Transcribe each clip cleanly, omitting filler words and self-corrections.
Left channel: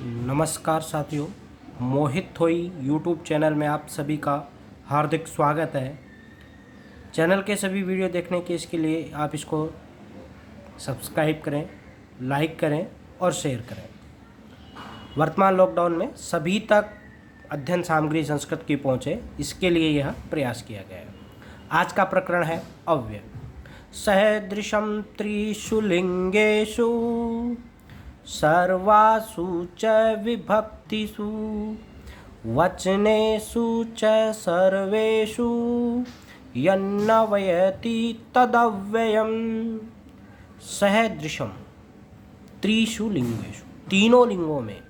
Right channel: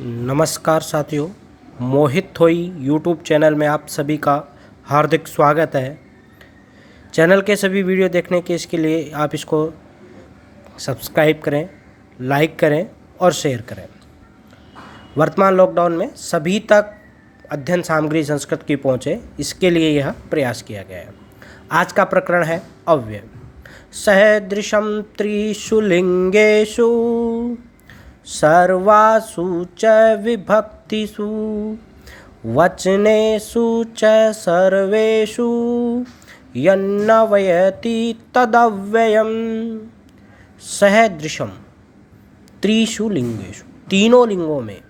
नमस्कार साथियों, मोहित थोई यूट्यूब चैनल में आप सभी का हार्दिक स्वागत है। चैनल के सभी वीडियो देखने के इसके लिए आप इसको सब्सक्राइब करें, लाइक करें और शेयर करें। वर्तमान लॉकडाउन में सभी तक अध्ययन सामग्री संस्कृत की पहुँचे, इसके लिए यह प्रयास किया गया है। आज का प्रकरण है अव्यय। सदृशं त्रिषु लिंगेषु सर्वासु च विभक्तिषु वचनेषु च सर्वेषु यन्नवयति तदव्ययम्। सदृशम त्रिषु लिंगेषु, तीनों लिंगों में,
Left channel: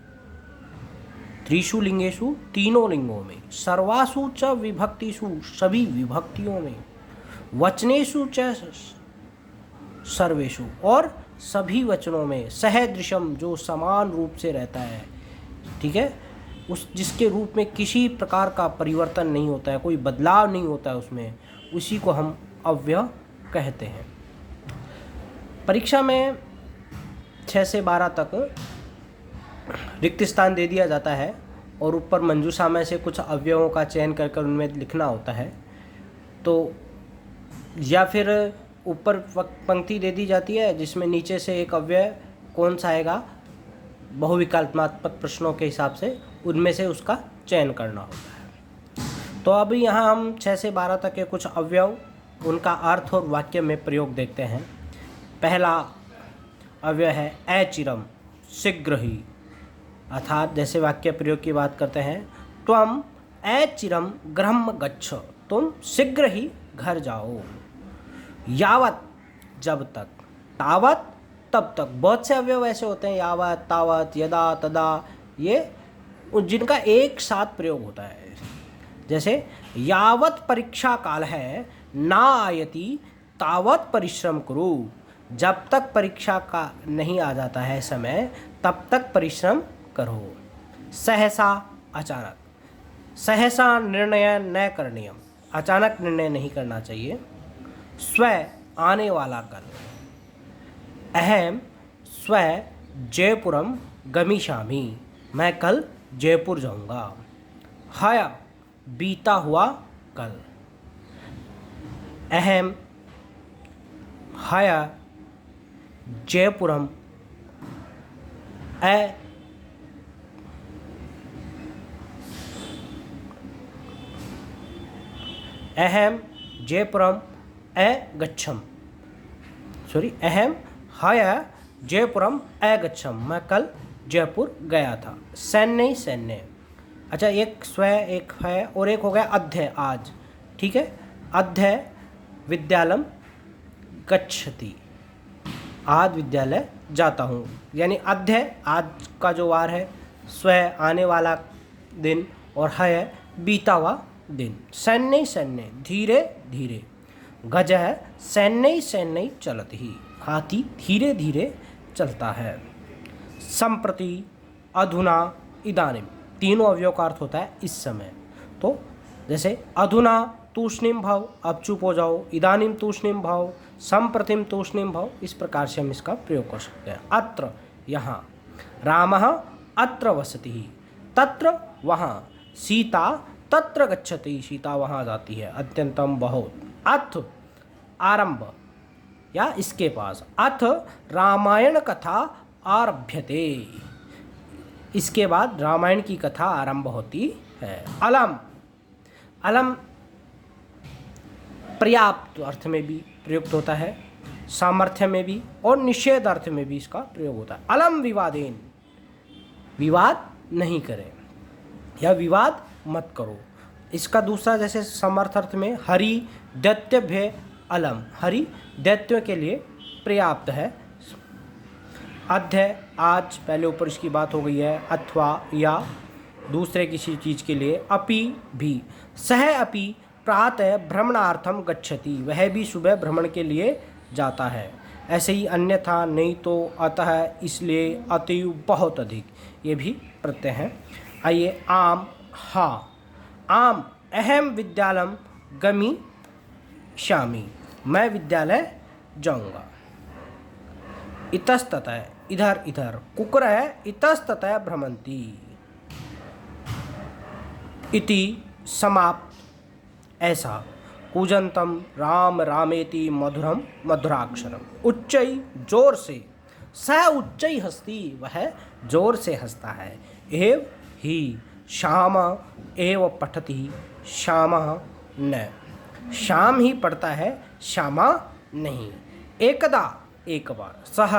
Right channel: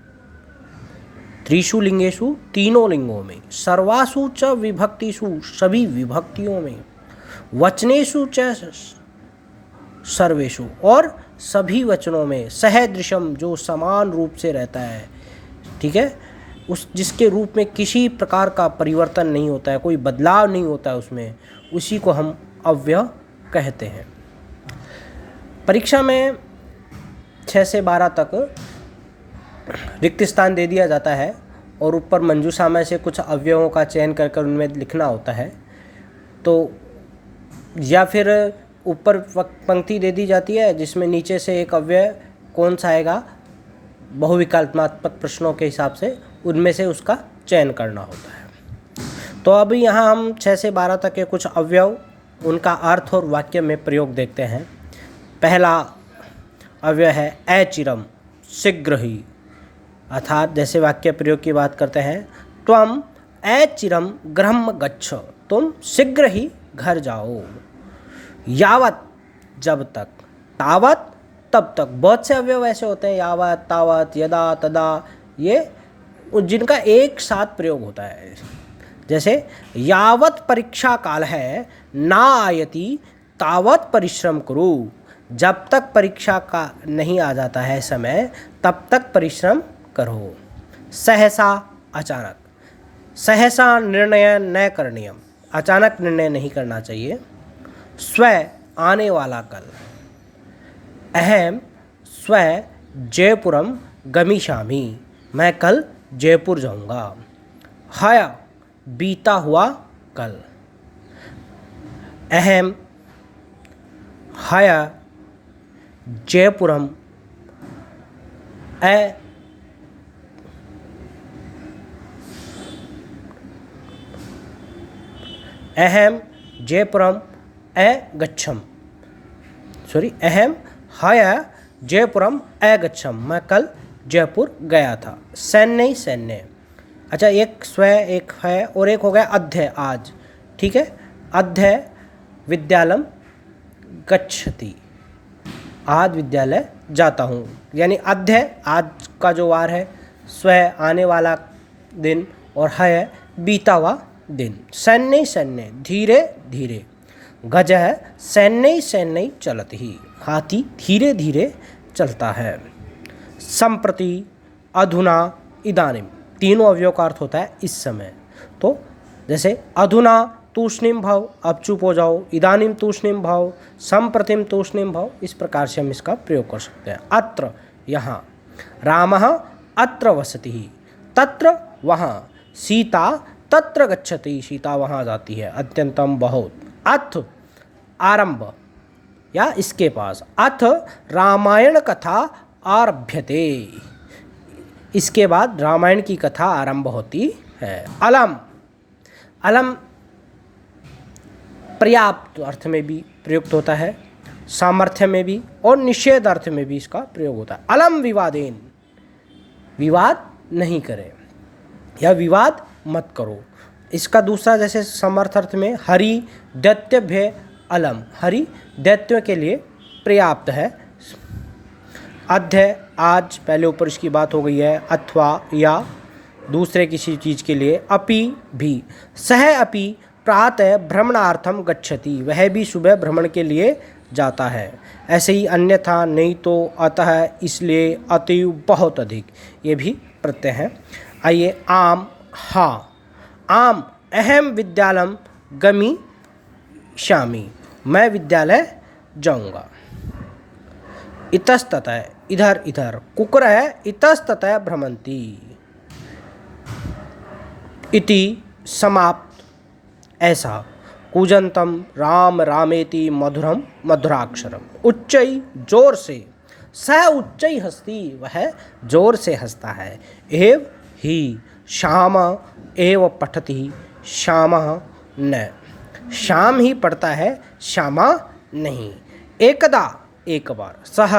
त्रिषु लिंगेषु तीनों लिंगों में, सर्वासु च विभक्तिषु सभी विभक्तियों में, वचनेषु च सर्वेषु और सभी वचनों में, सहदृशम जो समान रूप से रहता है, ठीक है, उस जिसके रूप में किसी प्रकार का परिवर्तन नहीं होता है, कोई बदलाव नहीं होता है उसमें, उसी को हम अव्यय कहते हैं। परीक्षा में 6 से 12 तक रिक्त स्थान दे दिया जाता है और ऊपर मंजूषा में से कुछ अवयवों का चयन कर कर उनमें लिखना होता है। तो या फिर ऊपर पंक्ति दे दी जाती है जिसमें नीचे से एक अव्यय कौन सा आएगा, बहुविकल्पात्मक प्रश्नों के हिसाब से उनमें से उसका चयन करना होता है। तो अभी यहाँ हम 6 से 12 तक के कुछ अवयव, उनका अर्थ और वाक्य में प्रयोग देखते हैं। पहला अव्यय है अचिरम, शीघ्र ही, अर्थात जैसे वाक्य प्रयोग की बात करते हैं, त्वम अचिरम गृहं गच्छ, तुम शीघ्र ही घर जाओ। यावत जब तक, तावत तब तक, बहुत से अवयव ऐसे होते हैं, यावत, तावत, यदा, तदा, ये जिनका एक साथ प्रयोग होता है। जैसे यावत परीक्षा काल है ना आयति तावत परिश्रम करो, जब तक परीक्षा का नहीं आ जाता है समय तब तक परिश्रम करो। सहसा अचानक, सहसा निर्णय न करणीयम, अचानक निर्णय नहीं करना चाहिए। स्व आने वाला कल, अहम स्व जयपुरम गमिष्यामि, मैं कल जयपुर जाऊंगा। हय बीता हुआ कल, अहम हय जयपुरम अहम जयपुरम अगच्छम, अहम हय जयपुरम अगच्छम, मैं कल जयपुर गया था। सैन्य सैन्य, अच्छा एक स्व एक है और एक हो गया अध्य आज, ठीक है। अध्य विद्यालय गच्छति, आज विद्यालय जाता हूँ, यानी अध्य आज का जो वार है, स्व आने वाला दिन और है बीता हुआ दिन। सैन्य सैन्य, धीरे धीरे, गज है सैन्य सैन्य चलत ही, हाथी धीरे धीरे चलता है। संप्रति, अधुना, इदानीम, तीनों अवयव का अर्थ होता है इस समय। तो जैसे अधुना तूष्णीम भव, अब चुप हो जाओ, इदानीम तूष्णीम भव, संप्रतिम तूष्णीम भव, इस प्रकार से हम इसका प्रयोग कर सकते हैं। अत्र यहाँ, रामः अत्र वसति, तत्र वहाँ, सीता तत्र गच्छति, सीता वहाँ जाती है, अत्यंतम बहुत। अथ आरंभ या इसके पास, अथ रामायण कथा आरभ्यते, इसके बाद रामायण की कथा आरंभ होती है। अलम, अलम पर्याप्त अर्थ में भी प्रयुक्त होता है, सामर्थ्य में भी और निषेध अर्थ में भी इसका प्रयोग होता है। अलम विवादेन, विवाद नहीं करें या विवाद मत करो। इसका दूसरा जैसे समर्थ अर्थ में हरि दैत्यभ्य अलम, हरि दैत्यों के लिए पर्याप्त है। अध्य आज, पहले ऊपर इसकी बात हो गई है, अथवा या दूसरे किसी चीज़ के लिए। अपि भी, सह अपि प्रातः भ्रमणार्थम गच्छति, वह भी सुबह भ्रमण के लिए जाता है। ऐसे ही अन्यथा, नहीं तो, अतः, इसलिए, अतिव, बहुत अधिक, ये भी प्रत्यय हैं। आइए आम, हा, आम अहम विद्यालयम गमिष्यामि, मैं विद्यालय जाऊंगा। इतस्ततः, इधर इधर, कुकुरः इतस्ततः भ्रमन्ति। इति समाप्त। ऐसा कूजंतम राम रामेति मधुरम मधुराक्षरम। उच्चई जोर से, सह उच्चई हस्ती वह जोर से हंसता है। एव ही श्याम एव पठति श्यामः न, श्याम ही पढ़ता है श्यामा नहीं। एकदा एक बार, सह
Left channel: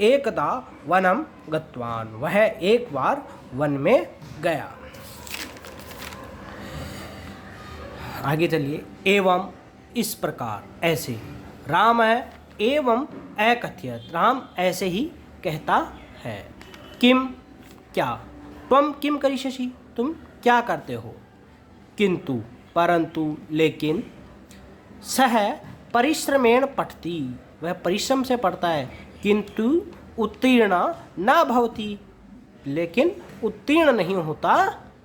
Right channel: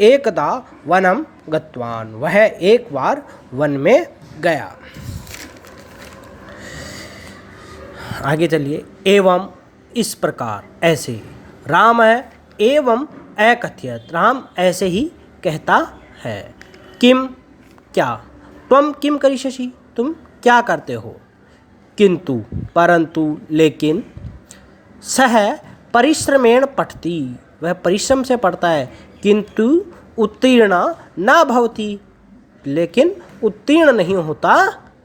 एकदा वनम गतवान वह एक बार वन में गया। आगे चलिए। एवं इस प्रकार, ऐसे। राम एवं अकथयत राम ऐसे ही कहता है। किम क्या, त्वम किम करिष्यसि तुम क्या करते हो। किंतु परंतु लेकिन, सह परिश्रमेण पठति वह परिश्रम से पढ़ता है। किंतु उत्तीर्ण न भवति लेकिन उत्तीर्ण नहीं होता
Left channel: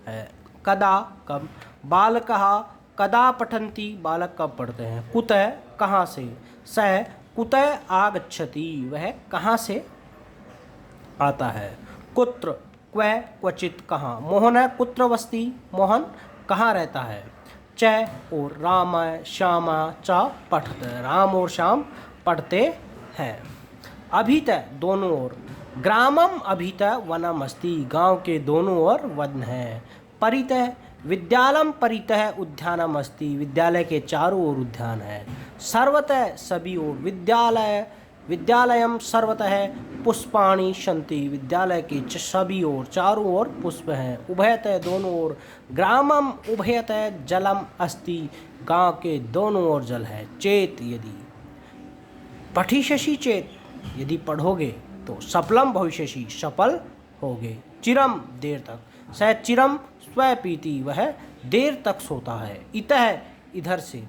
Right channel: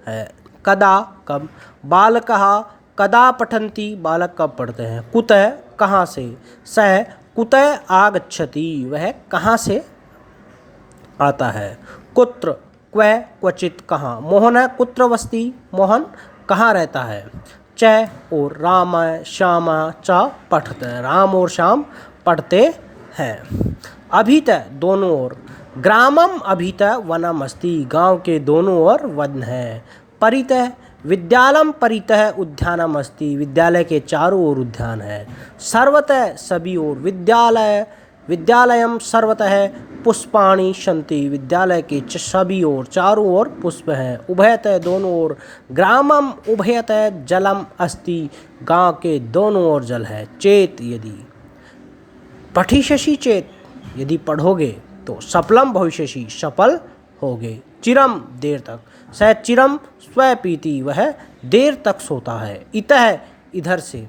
है। कदा कब, बालकः कदा पठन्ति बालक कब पढ़ते हैं। कुतः कहाँ से, सह कुतः आगच्छति वह कहाँ से आता है। कुत्र क्व क्वचित कहाँ, मोहन कुत्र वसति मोहन कहाँ रहता है। च और राम श्याम च पठते राम और श्याम पढ़ते हैं। अभित दोनों ओर, ग्रामम अभित वनम अस्ति गांव के दोनों ओर वन है। परित विद्यालम परितः उद्यानम अस्ति विद्यालय के चारों ओर उद्यान है। सर्वतः सभी ओर, विद्यालय विद्यालयम सर्वतः पुष्पाणि सन्ति विद्यालय के सभी ओर चारों ओर पुष्प हैं। उभयतः दोनों ओर, ग्रामम उभयतः जलम अस्ति गांव के दोनों ओर जल है। चेत यदि, पठिष्यसि चेत यदि पढ़ोगे तो, सफलम भविष्यसि सफल होगे। चिरम देर तक, सह चिरम स्वपीति वह देर तक सोता है। इतः इधर से,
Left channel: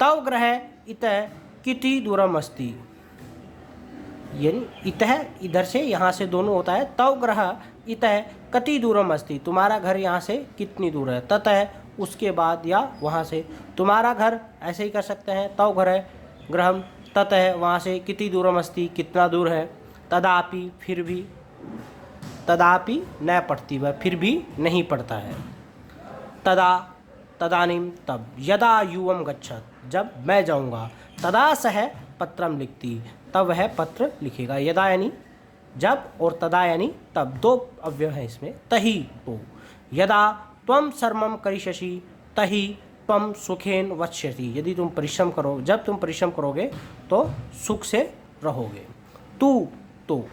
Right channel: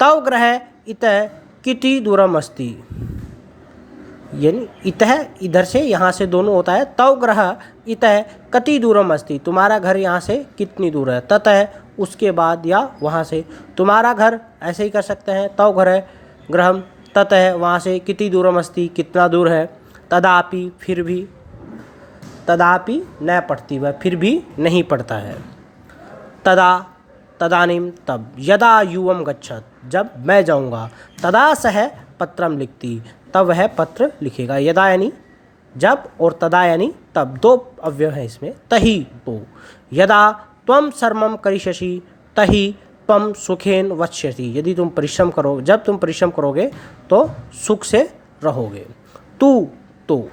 तव ग्रह इतः किति दूरम अस्ति यानी इतः इधर से यहाँ से दोनों होता है। तव ग्रह इतः कति दूरम अस्ति तुम्हारा घर यहाँ से कितनी दूर है। ततः उसके बाद या वहाँ से, तुम्हारा घर ऐसे ही कर सकते हैं। तव ग्रह ग्रहम ततः वहाँ से, किति दूरम अस्ति कितना दूर है। तदापि फिर भी, तदापि न पढ़ती वह फिर भी नहीं पढ़ता है। तदा तदानीम तब, यदा युवम गच्छत जब मैं जाऊँगा। तदा सह पत्रम लिखती तब वह पत्र लिखेगा। यदा यानी जब और तदा यानी तब, दो अव्यय हैं इसमें। तही तो, यदा त्वम सर्वम करिष्यसि तही त्वम सुखेन वक्ष्यसि यदि तुम परिश्रम करो, जब तुम परिश्रम करोगे तो सुख से रहोगे। तू तो,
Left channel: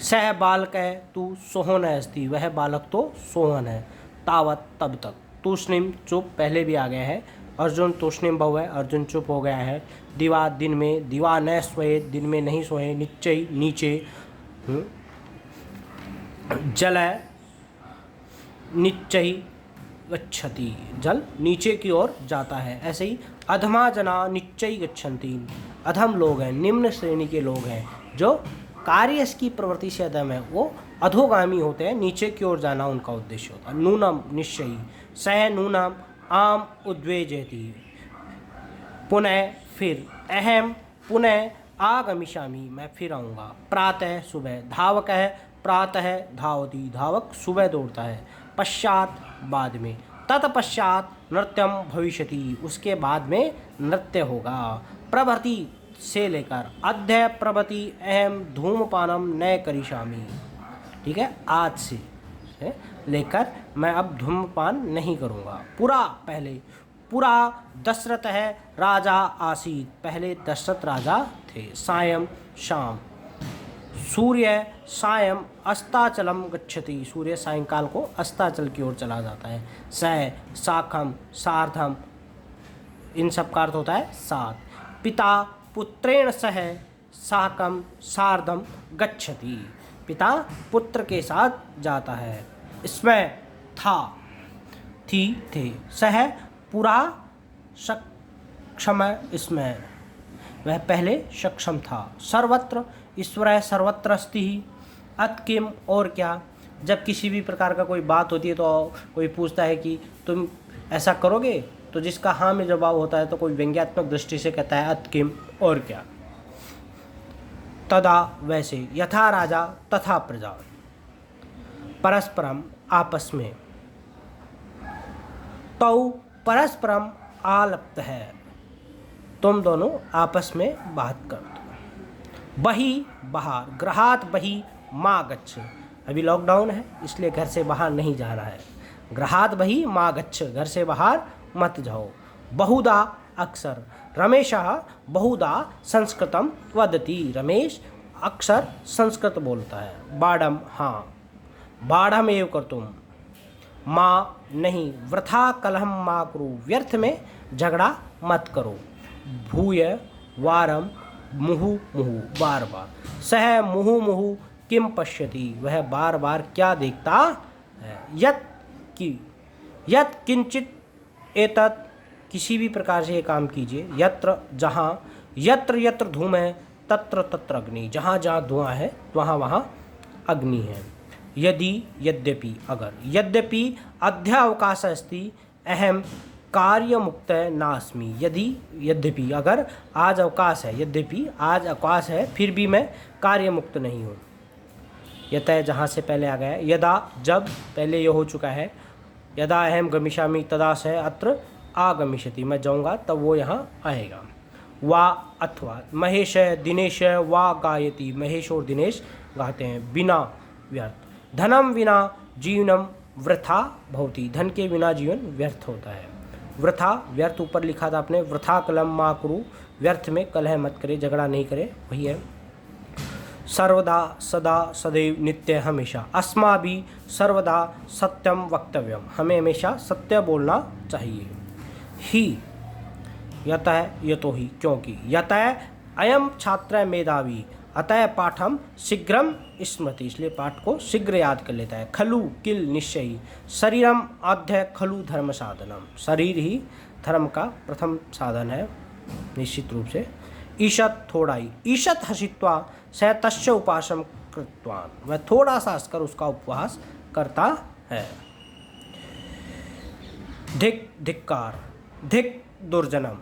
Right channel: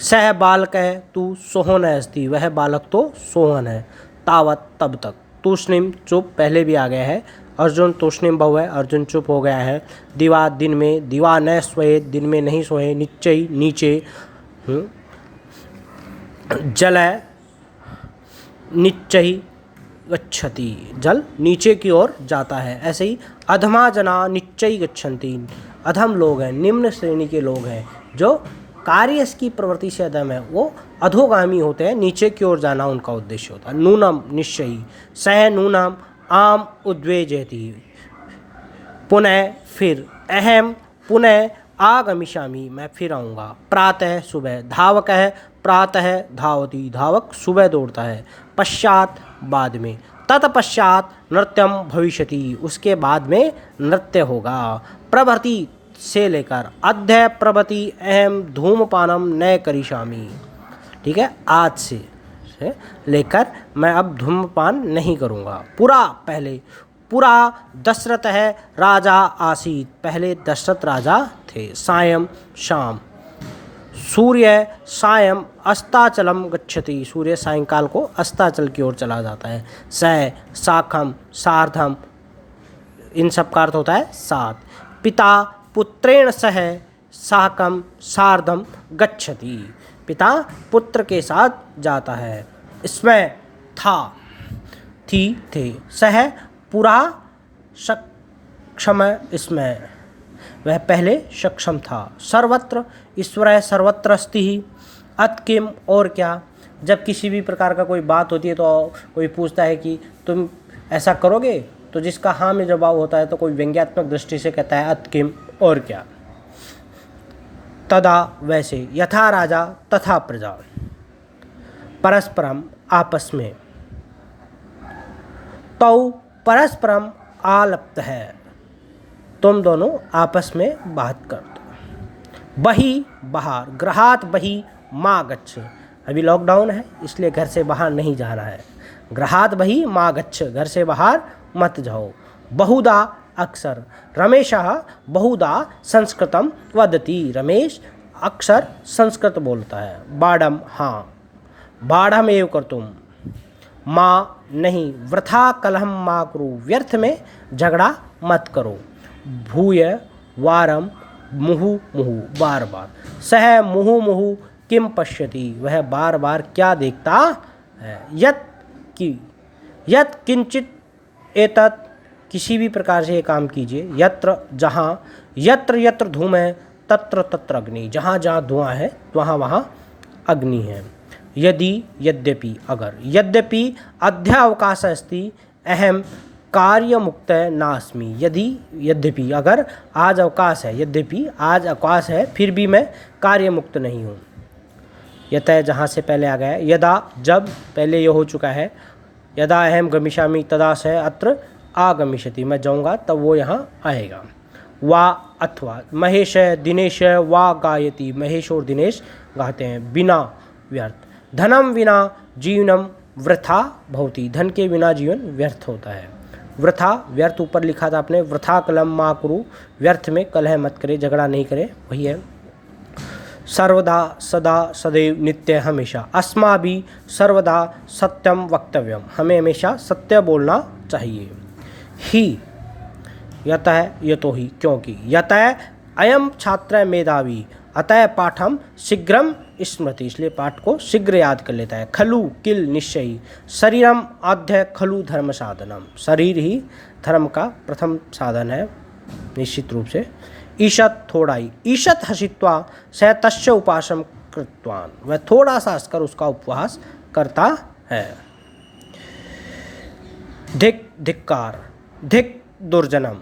सह बालक है तू सोहन अस्ति वह बालक तो सोहन है। तावत तब तक, तूष्णिम चुप पहले भी आ गया है। अर्जुन तूष्णिम बहु है, अर्जुन चुप हो गया है। दिवा दिन में, दिवा न सोए दिन में नहीं सोए। निश्चय नीचे, जल निश्चय गच्छति जल नीचे की ओर जाता है। ऐसे ही अधमा जना निश्चय गच्छन्ति अधम लोग हैं, निम्न श्रेणी के लोग हैं जो कार्य की प्रवृत्ति से अधम है, वो अधोगामी होते हैं, नीचे की ओर जाना उनका उद्देश्य होता है। नूनम निश्चयी, सह नूनम आम उद्वेजयति पुनः फिर, अहम पुनः आगमिष्यामि मैं फिर आऊँगा। प्रातः सुबह, धावकः प्रातः धावति धावक सुबह दौड़ता है। पश्चात बाद में, तत्पश्चात नृत्यम भविष्यति उसके बाद में नृत्य होगा। प्रभृति से लेकर, अद्य प्रभृति अहम धूमपानम न करिष्यामि ठीक है, आज से लेकर मैं अब धूमपान नहीं करूँगा। पुरा पहले, पुरा दशरथ है राजा आसीत पहले दशरथ राजा थे। सायं शाम, सूर्य सायं अस्ताचलम गच्छति सूर्य सायंकाल को अस्ताचल की ओर चला जाता है। स साखम सार्धम इन सब का अर्थ होता है साथ। पिता पुत्रेण सह साकम सार्धम गच्छति पिता पुत्र के साथ जाता है। इसमें था थी थे, सह पुरा सक्षम इसमें वह पहले सक्षम था। सर्वत्र ईश्वर सर्वत्र अस्ति ही, अतकिम और क्या। जब किसी भी प्रकार का कोई बात होती है तो कोई पूछता है कि तुम ऐसा करोगे, तो जिसका हाँ में जवाब होता है तो कोई व्यंग्यात्मक दृष्टि से कहता है अतकिम और क्या। तदा वैसे, यथा राजा तथा प्रजा, परस्परम आपस में, तौ परस्परम आलप्त है, तुम दोनों आपस में बात कर दो। बही बाहर, गृहात बही मा गच्छ, अभी लॉकडाउन है इसलिए घर से बाहर नहीं जा रहा है। गृहात बही मा गच्छ, घर से बाहर मत जाओ। बहुधा अक्सर, रमेशः बहुधा संस्कृतम वदति, रमेश अक्सर संस्कृत बोलता है। बाढ़म हाँ, बाढ़मेव कर्तुम, माँ नहीं, वृथा कलहम मा कुरु, व्यर्थ में झगड़ा मत करो। भूय वारम मुहु मुहु, बार बार। सह मुहु मुहु किम पश्यति, वह बार बार क्या देखता है। यत किंचित एतत्, किसी भी प्रकार से ये काम कीजिए। यत्र जहाँ, यत्र यत्र धूम है तत्र तत्र अग्नि, जहाँ जहाँ धुआं है वहाँ वहाँ अग्नि है। यदि यद्यपि अगर, यद्यपि अध्यावकाश अस्ति अहम कार्य मुक्त नास्मि, यदि यद्यपि अगर आज अवकाश है, यद्यपि आज अवकाश है फिर भी मैं कार्य मुक्त नहीं हूँ। यतः जहाँ से पहले आ गया है, यदा जब, पहले ये हो चुका है। यदा अहम गमिष्यामि तदा स अत्र आगमिष्यति, मैं जाऊँगा तब वो यहाँ आएगा। वा अथवा, महेश दिनेश वा गायति, महेश और दिनेश गाते हैं। बिना व्यर्थ, धनम विना जीवनम वृथा भवति, धन के बिना जीवन व्यर्थ होता है। वृथा व्यर्थ ऊपर लिखा था आपने, वृथा कलम मा कुरु, व्यर्थ में कलह मत करे, झगड़ा नहीं करे, वही है। सर्वदा सदा सदैव नित्य हमेशा, अस्माभि सर्वदा सत्यम वक्तव्यम, हमें हमेशा सत्य बोलना चाहिए। ही यतः यतो ही, क्योंकि, यतः अयम छात्र मेधावी अतः पाठम शीघ्रम स्मृति, इसलिए पाठ को शीघ्र याद कर लेता है। खलु किल निश्चयी, शरीरम आद्य खलु धर्म साधनम, शरीर ही धर्म का प्रथम साधन है निश्चित रूप से। ईशत थोड़ा ही, ईशत हसित्वा स तस्य उपासम कृतवान, वह थोड़ा सा हंसकर उसका उपवास करता है। धिक धिक्कार, धिक दुर्जनम,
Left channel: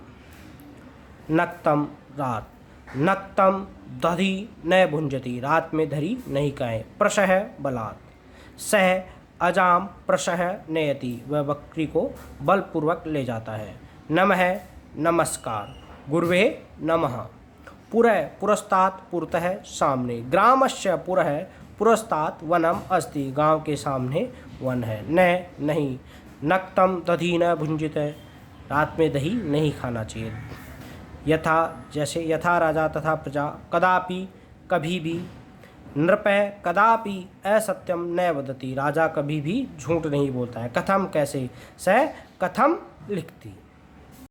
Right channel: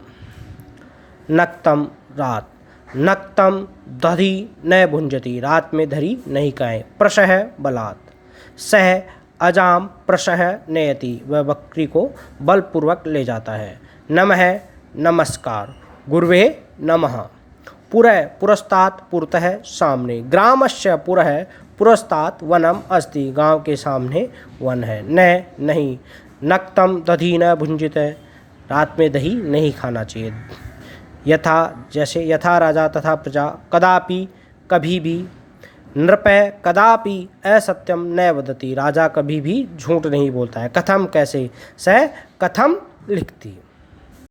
नक्तम रात, नक्तम दधि न भुंजति, रात में धरी नहीं खाएं। प्रशह बलात्, सह अजाम प्रशह नयति, वह बकरी को बलपूर्वक ले जाता है। नमः नमस्कार, गुर्वे नमः। पुरः पुरस्तात्, पुरतः सामने। ग्रामस्य पुरः पुरस्तात् वनम अस्ति, गांव के सामने वन है। न नहीं, नक्तम दधि न भुंजित, रात में दही नहीं खाना चाहिए। यथा जैसे, यथा राजा तथा प्रजा, कदापि कभी भी, नृपः कदापि असत्यम न वदति, राजा कभी भी झूठ नहीं बोलता है। कथम कैसे, स कथम लिखती।